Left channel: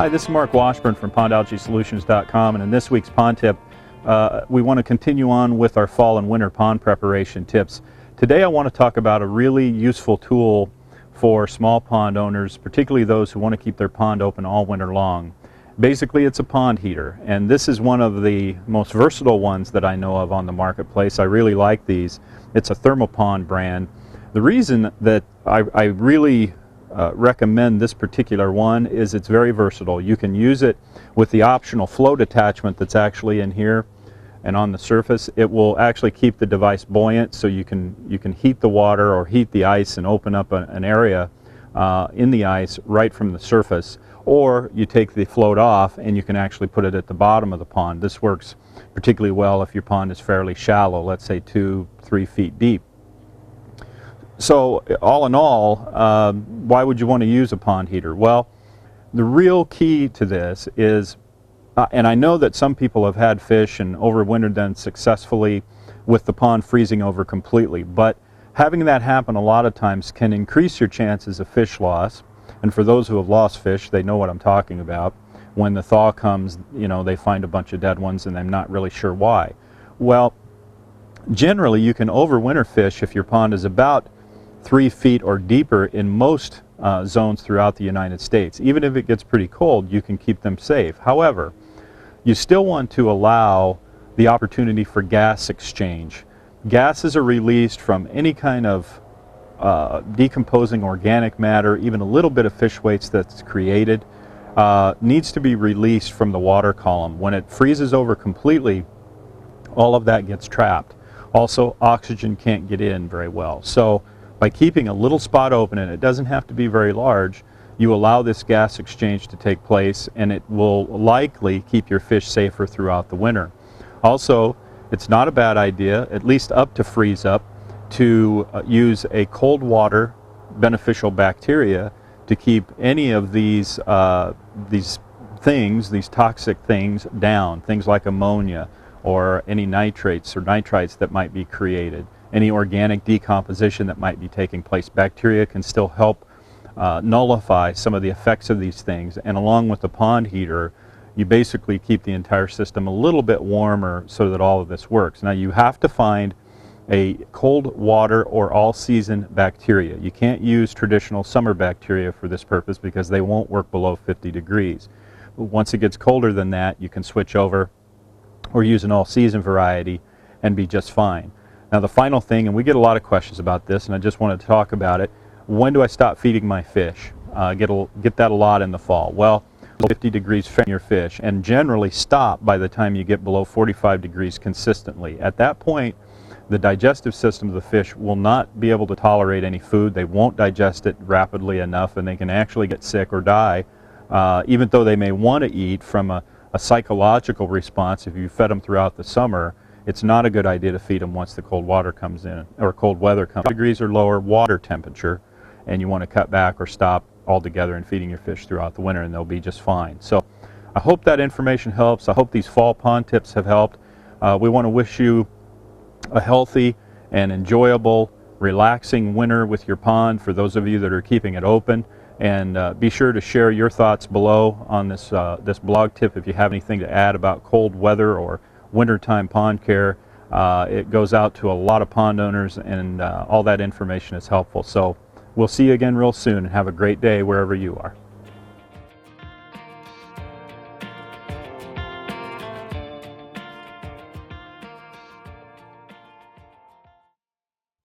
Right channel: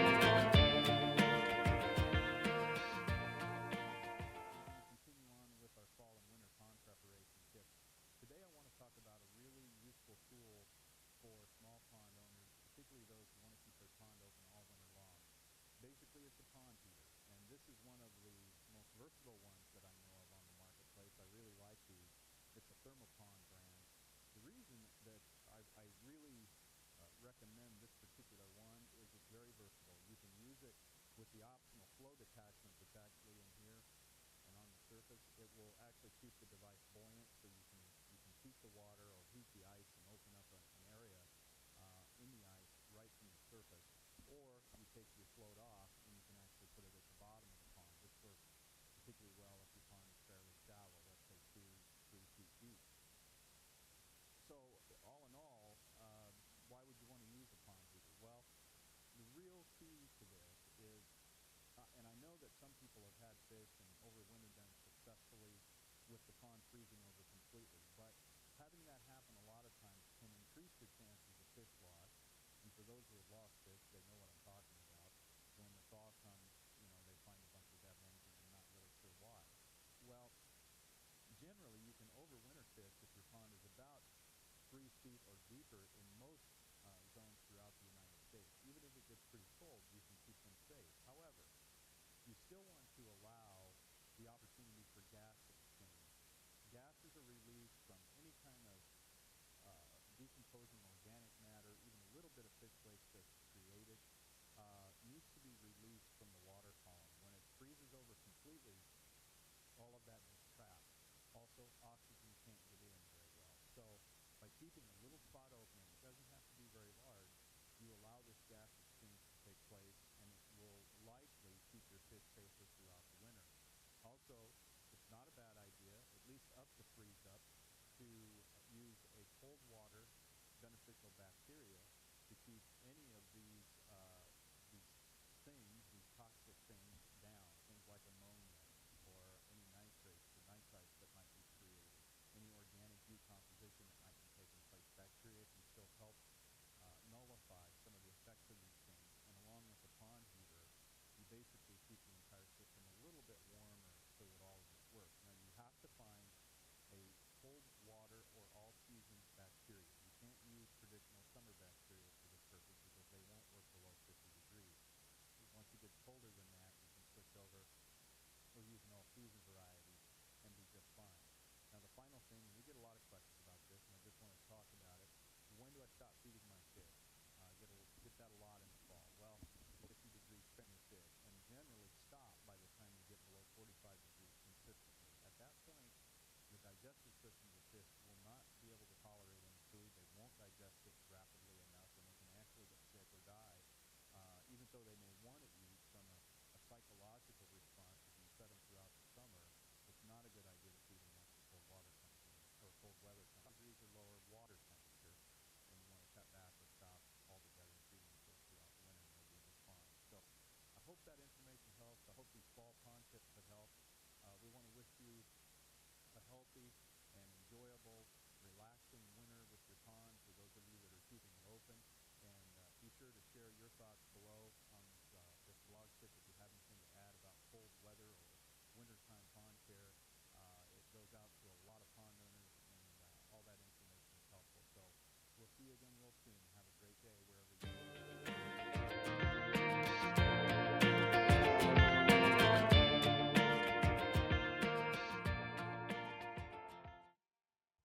Hi, this is Mark Washburn from PondAlgaeSolutions.com, and in this week's pond tip, we want to continue on with our fall and winter pond preparation tips. Today I want to talk about a really useful tool for small pond owners, particularly those who want to keep their pond open all winter long. Basically, it's a pond heater, and this is one of the most versatile ones that I know of on the marketplace. I really like these. It's a Thermopond brand. The reason that I really recommend this particular one is it's very versatile. You can use it with the optional float attachment that's actually in here and on the surface. It will actually keep the device buoyant, so you can heat the water or heat the ice and open up an area in the ice right from the surface. Or you take the float off and you can actually put it at the bottom of the pond. This works particularly well if your pond is fairly shallow, let's say 2-3 feet deep. So all in all, why would you want to use a pond heater? Well, the real key to this is, and I know that some people have had fish and overwintered them successfully with the pond freezing over completely, but having that happen a lot of times can increase your chances of fish loss. And for those who have lost fish, they know what I'm talking about. When the thaw comes, you know, they find a bunch of dead ones and they're not really sure why. Well, generally you can overwinter fish if your pond is about 3 feet or deeper in most zones throughout the United States. Even if it gets pretty cold, you can keep them safe. However, you still want to allow the opportunity for gas exchange. Gases are released from any kind of decomposing organic matter, even a little bit of fish waste that's created, needs to be released from the water column. When it freezes over completely, all of that gets trapped. Also, oxygen can't get in very well. So by keeping a little spot open, and it doesn't have to be very large, you allow this gas exchange to take place, and it will likely keep your fish safer throughout the winter. Also, it's not a bad idea, at least up to freeze up, to use a cold water beneficial bacteria to keep any of these toxic things down, things like ammonia or any nitrates or nitrites that might be created, any organic decomposition that might be taking place. Bacteria can still help nullify some of the effects of these things, and along with the pond heater, you basically keep the entire system a little bit warmer so that all of this works. Now, you have to find a cold water or all-season bacteria. You can't use traditional summer bacteria for this purpose because they won't work below 50 degrees. But once it gets colder than that, you can switch over or use an all-season variety and be just fine. Now, the final thing, and we get a lot of questions about this, and I just wanted to talk about it: when do I stop feeding my fish? Get that a lot in the fall. Well, 50 degrees for your fish, and generally stop by the time you get below 45 degrees consistently. At that point, the digestive system of the fish will not be able to tolerate any food. They won't digest it rapidly enough, and they can actually get sick or die, even though they may want to eat. From a psychological response, if you fed them throughout the summer, it's not a good idea to feed them once the cold water comes in, or cold weather comes. Degrees or lower water temperature, and you want to cut back or stop altogether in feeding your fish throughout the winter, and they'll be just fine. So I hope that information helps. I hope these fall pond tips have helped. We want to wish you a healthy and enjoyable, relaxing winter with your pond, for those of you that are keeping it open. And be sure to share your thoughts below on this blog tip if you have anything to add about cold weather or wintertime pond care. It goes out to a lot of pond owners, and all that information is helpful. So we'll see you again real soon, and have a great day wherever you are.